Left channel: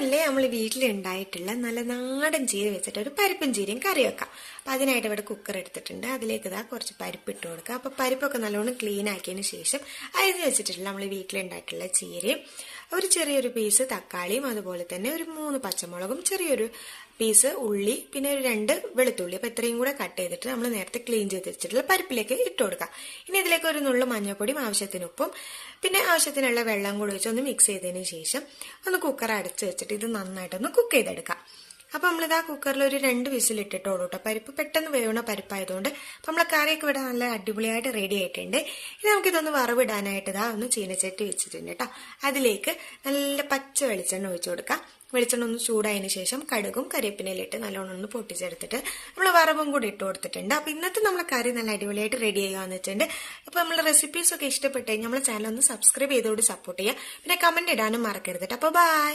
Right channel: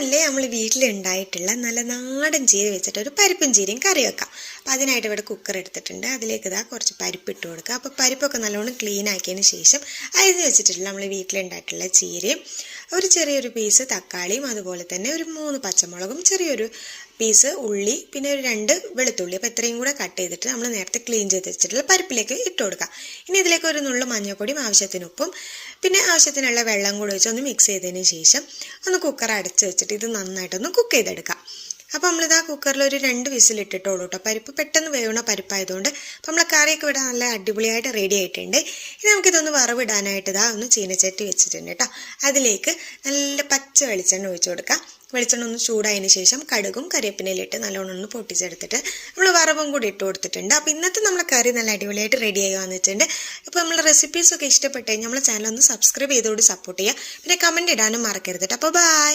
ഇന്നല്ലേ നമ്മൾ വീട്ടിലുണ്ടായിട്ടുള്ള നല്ല നാടൻ ചീര വെച്ചിട്ട് ഒരു പരിപ്പും ചീരയും കറി വെക്കാം. അപ്പോൾ അതിനായിട്ട് ഇവിടെ കുക്കർ എടുത്തിട്ടുണ്ട്. അതിലേക്ക് ഇതാ കുറച്ച് പരിപ്പ് ഇട്ട് കൊടുക്കുക. അപ്പോൾ പരിപ്പൊക്കെ നല്ലോണം ക്ലീൻ ആക്കിയതിന് ശേഷം അരിഞ്ഞ് വെച്ചിട്ടുള്ള നമ്മൾ വീട്ടിലുണ്ടായിട്ടുള്ള ചീരയും ഒരു ചെറിയൊരു പീസ് തക്കാളിയും അതുപോലെ തന്നെ ഒരു 3 പച്ചമുളകും ചെറിയൊരു പീസ് ഉള്ളി പിന്നെ ഒരു 2 വെളുത്തുള്ളി. അപ്പോൾ ഇത്രയും കൂടെ കട്ട് ചെയ്തിട്ട് നമ്മൾ നേരത്തെ ക്ലീൻ ചെയ്ത് വെച്ചിട്ടുള്ള പരിപ്പിലേക്ക് ഇട്ട് കൊടുക്കാം. ഇനി ഇതിലേക്ക് ഒരു നുള്ളു മഞ്ഞൾപ്പൊടിയും ആവശ്യത്തിന് ഉപ്പും പിന്നെ ആവശ്യത്തിനുള്ള വെള്ളം കൂടി വെച്ച് ഒന്ന് മിക്സ് ചെയ്തതിന് ശേഷം ഒന്ന് കുക്കർ അടച്ച് വെച്ചിട്ട് ഇത് നന്നായിട്ടൊന്ന് കുക്ക് ചെയ്തെടുക്കാം. അപ്പോൾ നമ്മളിതാ കുക്കറിൽ ഒരു 2 വിസിലിട്ടിട്ടോളൂ കേട്ടോ. പരിപ്പ് പെട്ടെന്ന് വേവണ പരിപ്പായതുകൊണ്ട് അപ്പോൾ നമ്മളെ കറിയൊക്കെ ഇവിടെ നല്ല അടിപൊളിയായിട്ട് റെഡി ആയിട്ടുണ്ട്. ഇനി നമുക്കിതൊന്ന് വറവിടാനായിട്ട് ഇതാ ഒന്ന് ചീനച്ചട്ടി വെച്ചിട്ടുണ്ട് കേട്ടോ. അതിലേക്ക് നല്ല പച്ച വെളിച്ചെണ്ണ ഒഴിച്ചു കൊടുക്കാം. വെളിച്ചെണ്ണ ഒന്ന് ചൂടായതിന് ശേഷം കടുകും കരിവേപ്പിലയിട്ട് നല്ലോണം ഒന്ന് പൊട്ടിച്ചെടുത്തിട്ട് നമ്മൾ വറവും കൂടി ഇട്ട് കൊടുത്തിട്ടുണ്ട്. അപ്പോൾ ഇന്നത്തെ നമ്മളെ കറി നല്ല അടിപൊളിയായിട്ട് റെഡി ആയി വന്നിട്ടുണ്ട്. അപ്പോൾ നമ്മളെ റെസിപ്പീസൊക്കെ ഇഷ്ടപ്പെട്ട് കഴിഞ്ഞാൽ നമ്മളെ ചാനൽ ഒന്ന് സബ്സ്ക്രൈബ് ചെയ്തോട് സപ്പോർട്ട് ചെയ്യുക. പിന്നെ കമൻറ്റ് ഇടാനും മറക്കരുത്. അപ്പോൾ ബൈ.